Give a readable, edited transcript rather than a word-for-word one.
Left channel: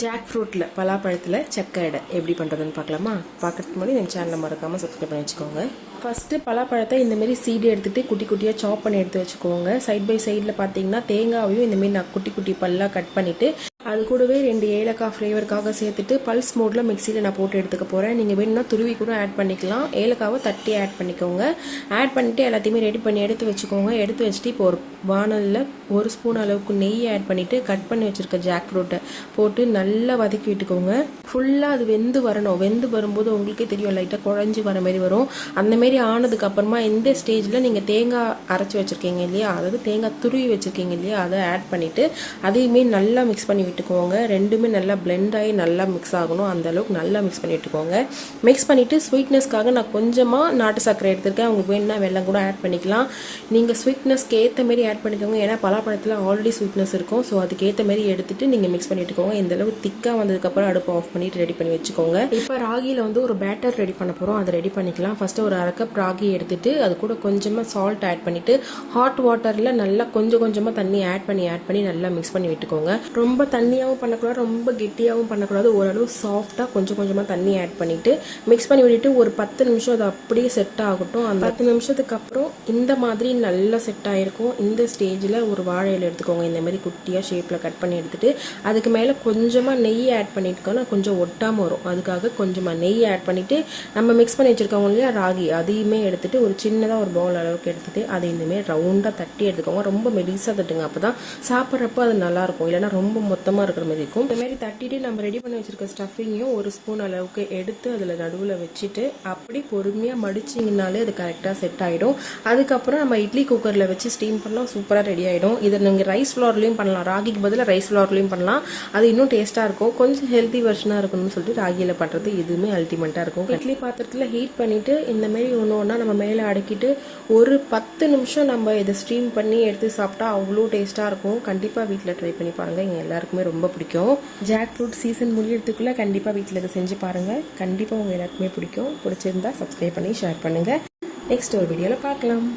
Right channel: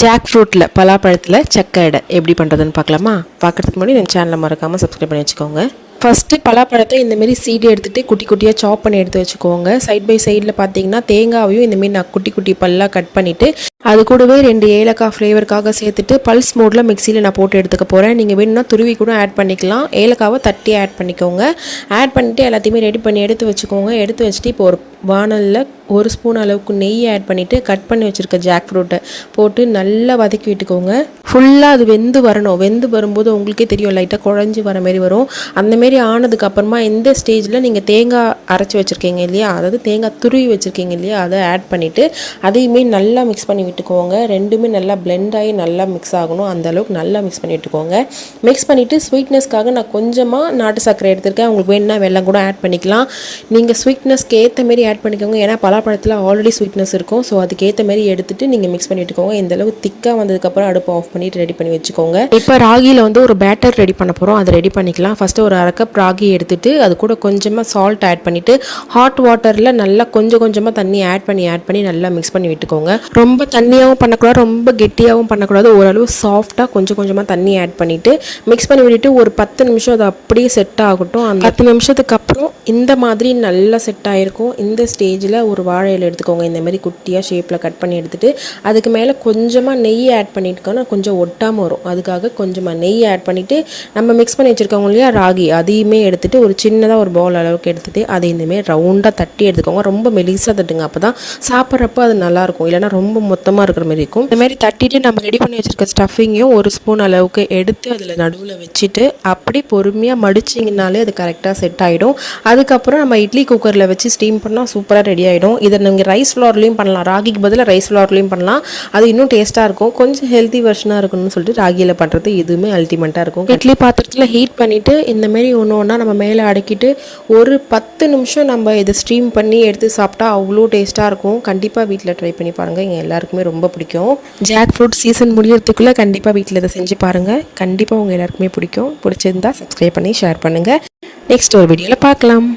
Jack ஃப்ரூட்டில் பலாப்பழத்தில் சக்கை அடை எப்படி பண்ணுறதுன்னு பார்க்கலாமா? பார்க்குறதுக்கு முன்னாடி என் சேனலை மறக்காமல் சப்ஸ்கிரைப் பண்ணி வச்சுக்கோங்க. ஃபஸ்ட்டு பலாப்பழத்தை இந்தமாரி சீடு எடுத்துகிட்டு குட்டி குட்டியாக சாப் பண்ணி எடுத்து வச்சுக்கோங்க. சைட் பை சைடில் பார்த்தீங்கன்னா தேங்காவையும் இந்தமாரி நான் குட்டி குட்டி பல்லாக கட் பண்ணிவிட்டு அது கூடவே 2 ஏலக்காய் ஃப்ளேவருக்காக சேர்த்துட்டு பல்ஸ் மோடில் மிக்சியில் நான் போட்டு எடுத்துக்க போகிறேன். நீங்கள் வேணும்னா துருவி கூட ஆட் பண்ணிக்கலாம். ஏலக்காவை தட்டி ஆட் பண்ணிக்கோங்க. ஆட் பண்ணிவிட்டு எல்லாத்தையுமே ரெடி பண்ணி எடுத்து வச்சுக்கோங்க. எடுத்து வச்சுட்டு இப்போ ஒரு வானலில் 1 ஸ்பூன் அளவுக்கு நெய் ஆட் பண்ணிவிட்டு கட் பண்ணி வச்சுருக்க ஜாக் ஃப்ரூட்டை போட்டு நல்லா வதக்கி விட்டுக்கோங்க. ஃபுல்லாக அது வெந்து வரணும். வெந்து வரும்போது உங்களுக்கே தெரியும் லைட்டாக குழஞ்சி வர மாதிரி வரும். அந்தமாரி ஆனதுக்கப்புறமா இந்த ஸ்டேஜில் நீங்கள் தேங்காய் அரைச்சி வச்சுருக்கீங்க இல்லையா, அதாவது தேங்காய் துருவி வச்சுருக்கீங்க இல்லையா, அதை ஆட் பண்ணிவிட்டு அதையுமே நல்லா மிக்ஸ் பண்ணி விட்டுக்கோங்க. ரெண்டுமே நல்லா பிளெண்ட் ஆகி நல்லா மிக்ஸ் ஆகணும். அந்தளவுக்கு நல்லா மிக்ஸ் பண்ணி விட்டுக்கோங்க. மிக்ஸ் பண்ணிவிட்டு ஸ்வீட்னஸ்க்காக நான் கொஞ்சமாக நாட்டு சர்க்கரை எடுத்துருக்கேன். உங்களுக்கு வேணுன்னா வெல்லம் கூட ஆட் பண்ணிக்கலாம். நீங்கள் ஸ்வீட்னஸ்க்கு ஏற்ற மாரி ஆட் பண்ணிக்கோங்க. ஏன்னா பலாப்பழத்தில் ஆல்ரெடி ஸ்வீட்னஸ் இருக்கும். ஸோ அதுக்கேற்ற மாரி எடுத்துகிட்டு நீங்கள் மிக்ஸ் பண்ணி விட்டுக்கோங்க. இந்தளவுக்கு திக்காக வந்ததுக்கப்புறம் அடுப்பு ஆஃப் பண்ணிவிட்டு ரெடி பண்ணி வச்சுக்கோங்க. இப்போ ராகியில் ஒரு பேட்டர் ரெடி பண்ண போகிறோம். அதை ரெடி பண்ணிக்கலாம். ஃபஸ்ட்டு ஒரு 1/2 கப் ராகி எடுத்துகிட்டு அது கூட கொஞ்சமாக சால்ட் ஆட் பண்ணிவிட்டு ஹாட் வாட்டரில் நல்லா கொஞ்சம் கொஞ்சமாக தண்ணி ஆட் பண்ணி நல்லா மிக்ஸ் பண்ணி விட்டுக்கோங்க. ரொம்ப தண்ணியாகவும் பண்ணக்கூடாது, ரொம்ப கெட்டியாகவும் பண்ணக்கூடாது. ஓரளவு சாஃப்டாக கொஞ்சம் கொஞ்சமாக தண்ணி ஆட் பண்ணிவிட்டு மிக்ஸ் பண்ணி விட்டுட்டு ஒரு 10 நிமிஷம் அது அப்படியே செட் ஆகட்டும். அந்த 10 நிமிஷத்துக்கு அப்புறம் இந்த மாதிரி நல்லா செட் ஆகிருக்கும். இந்த ஸ்டேஜில் ஒரு வாழை இலை எடுத்துக்கோங்க. இந்த மாதிரி குட்டியாக ஷேப்பில் கட் பண்ணி எடுத்துகிட்டு அதுக்கு மேலே கொஞ்சமாக நெய் ஆட் பண்ணிட்டுக்கோன்னா கொஞ்சம் ஒட்டாமல் வரும். அதுக்காக கொஞ்சமாக நெய் ஆட் பண்ணிவிட்டு நம்ம மிக்ஸ் பண்ணி வச்சுருக்கோங்க இல்லையா ராகி, அதையுமே எடுத்துகிட்டு ஒரு சின்னதாக ஒரு பவுல் அளவுக்கு எடுத்துகிட்டு அதை இந்தமாரி ரவுண்டாக தட்டி எடுத்துக்கோங்க. ரொம்ப மெலிசாக தட்டுங்க, அப்போ தான் சாப்பிட்றப்போ அது நல்லாயிருக்கும். இல்லைனா ரொம்ப மொத்தமாக இருக்கிற மாதிரி இருக்கும். இந்தமாரி தட்டிட்டு நம்ம ரெடி பண்ணி வச்சுருக்க ஸ்டஃபிங்கையும் 1 ஸ்பூன் அளவுக்கு எடுத்து அதில் நடுவில் வச்சுட்டு அப்படி பொறுமையாக மடிச்சிங்கனாலே அது கரெக்டாக செட் ஆகிடும். அதுக்கப்புறம் நம்ம இட்லி குக்கரில் வச்சு ஸ்டீம் பண்ணால் சூப்பராக ரெடி ஆகிடும். இதை நீங்கள் ரைஸ் ஃப்ளோர்லேயும் பண்ணலாம். ராகிக்கு பதிலாக ரைஸ் ஃப்ளோர்லேயும் பண்ணலாம். அது இன்னும் டேஸ்ட்டாக இருக்கும். கொஞ்சம் ஹெல்த்தி வெர்ஷனாக இருக்கணும்னு சொல்லிட்டு ராகியில் பண்ணுறது இதுவுமே அல்டிமேட்டாக இருக்கும். இட்லி பாத்திரத்தில் ஹீட் பண்ணிவிட்டு இந்தமாரி ஒன்று ஒன்றா நம்ம மேலே அடுக்கிட்டு ஒரு 10 நிமிஷம் நம்ம இதை ஸ்டீம் பண்ணி எடுத்து சாப்பிட்டா அவ்வளோ டேஸ்ட்டாக இருக்கும். கண்டிப்பாக வீட்டில் ட்ரை பண்ணி பாருங்கள். எங்கள் எல்லாருக்குமே ரொம்ப பிடிக்கும். ஜாக் ஃப்ரூட் சீசன் முடியறதுக்குள்ளே கண்டிப்பாக வீட்டில் இதை செஞ்சு பாருங்கள். கண்டிப்பாக உங்கள் எல்லாருக்குமே பிடிக்கும். பிடிச்சிருந்தா சப்ஸ்கிரைப் பண்ணி ஷேர் பண்ணுங்கள். நெக்ஸ்ட் ஒரு வீடியோவில் பார்க்கலாம்.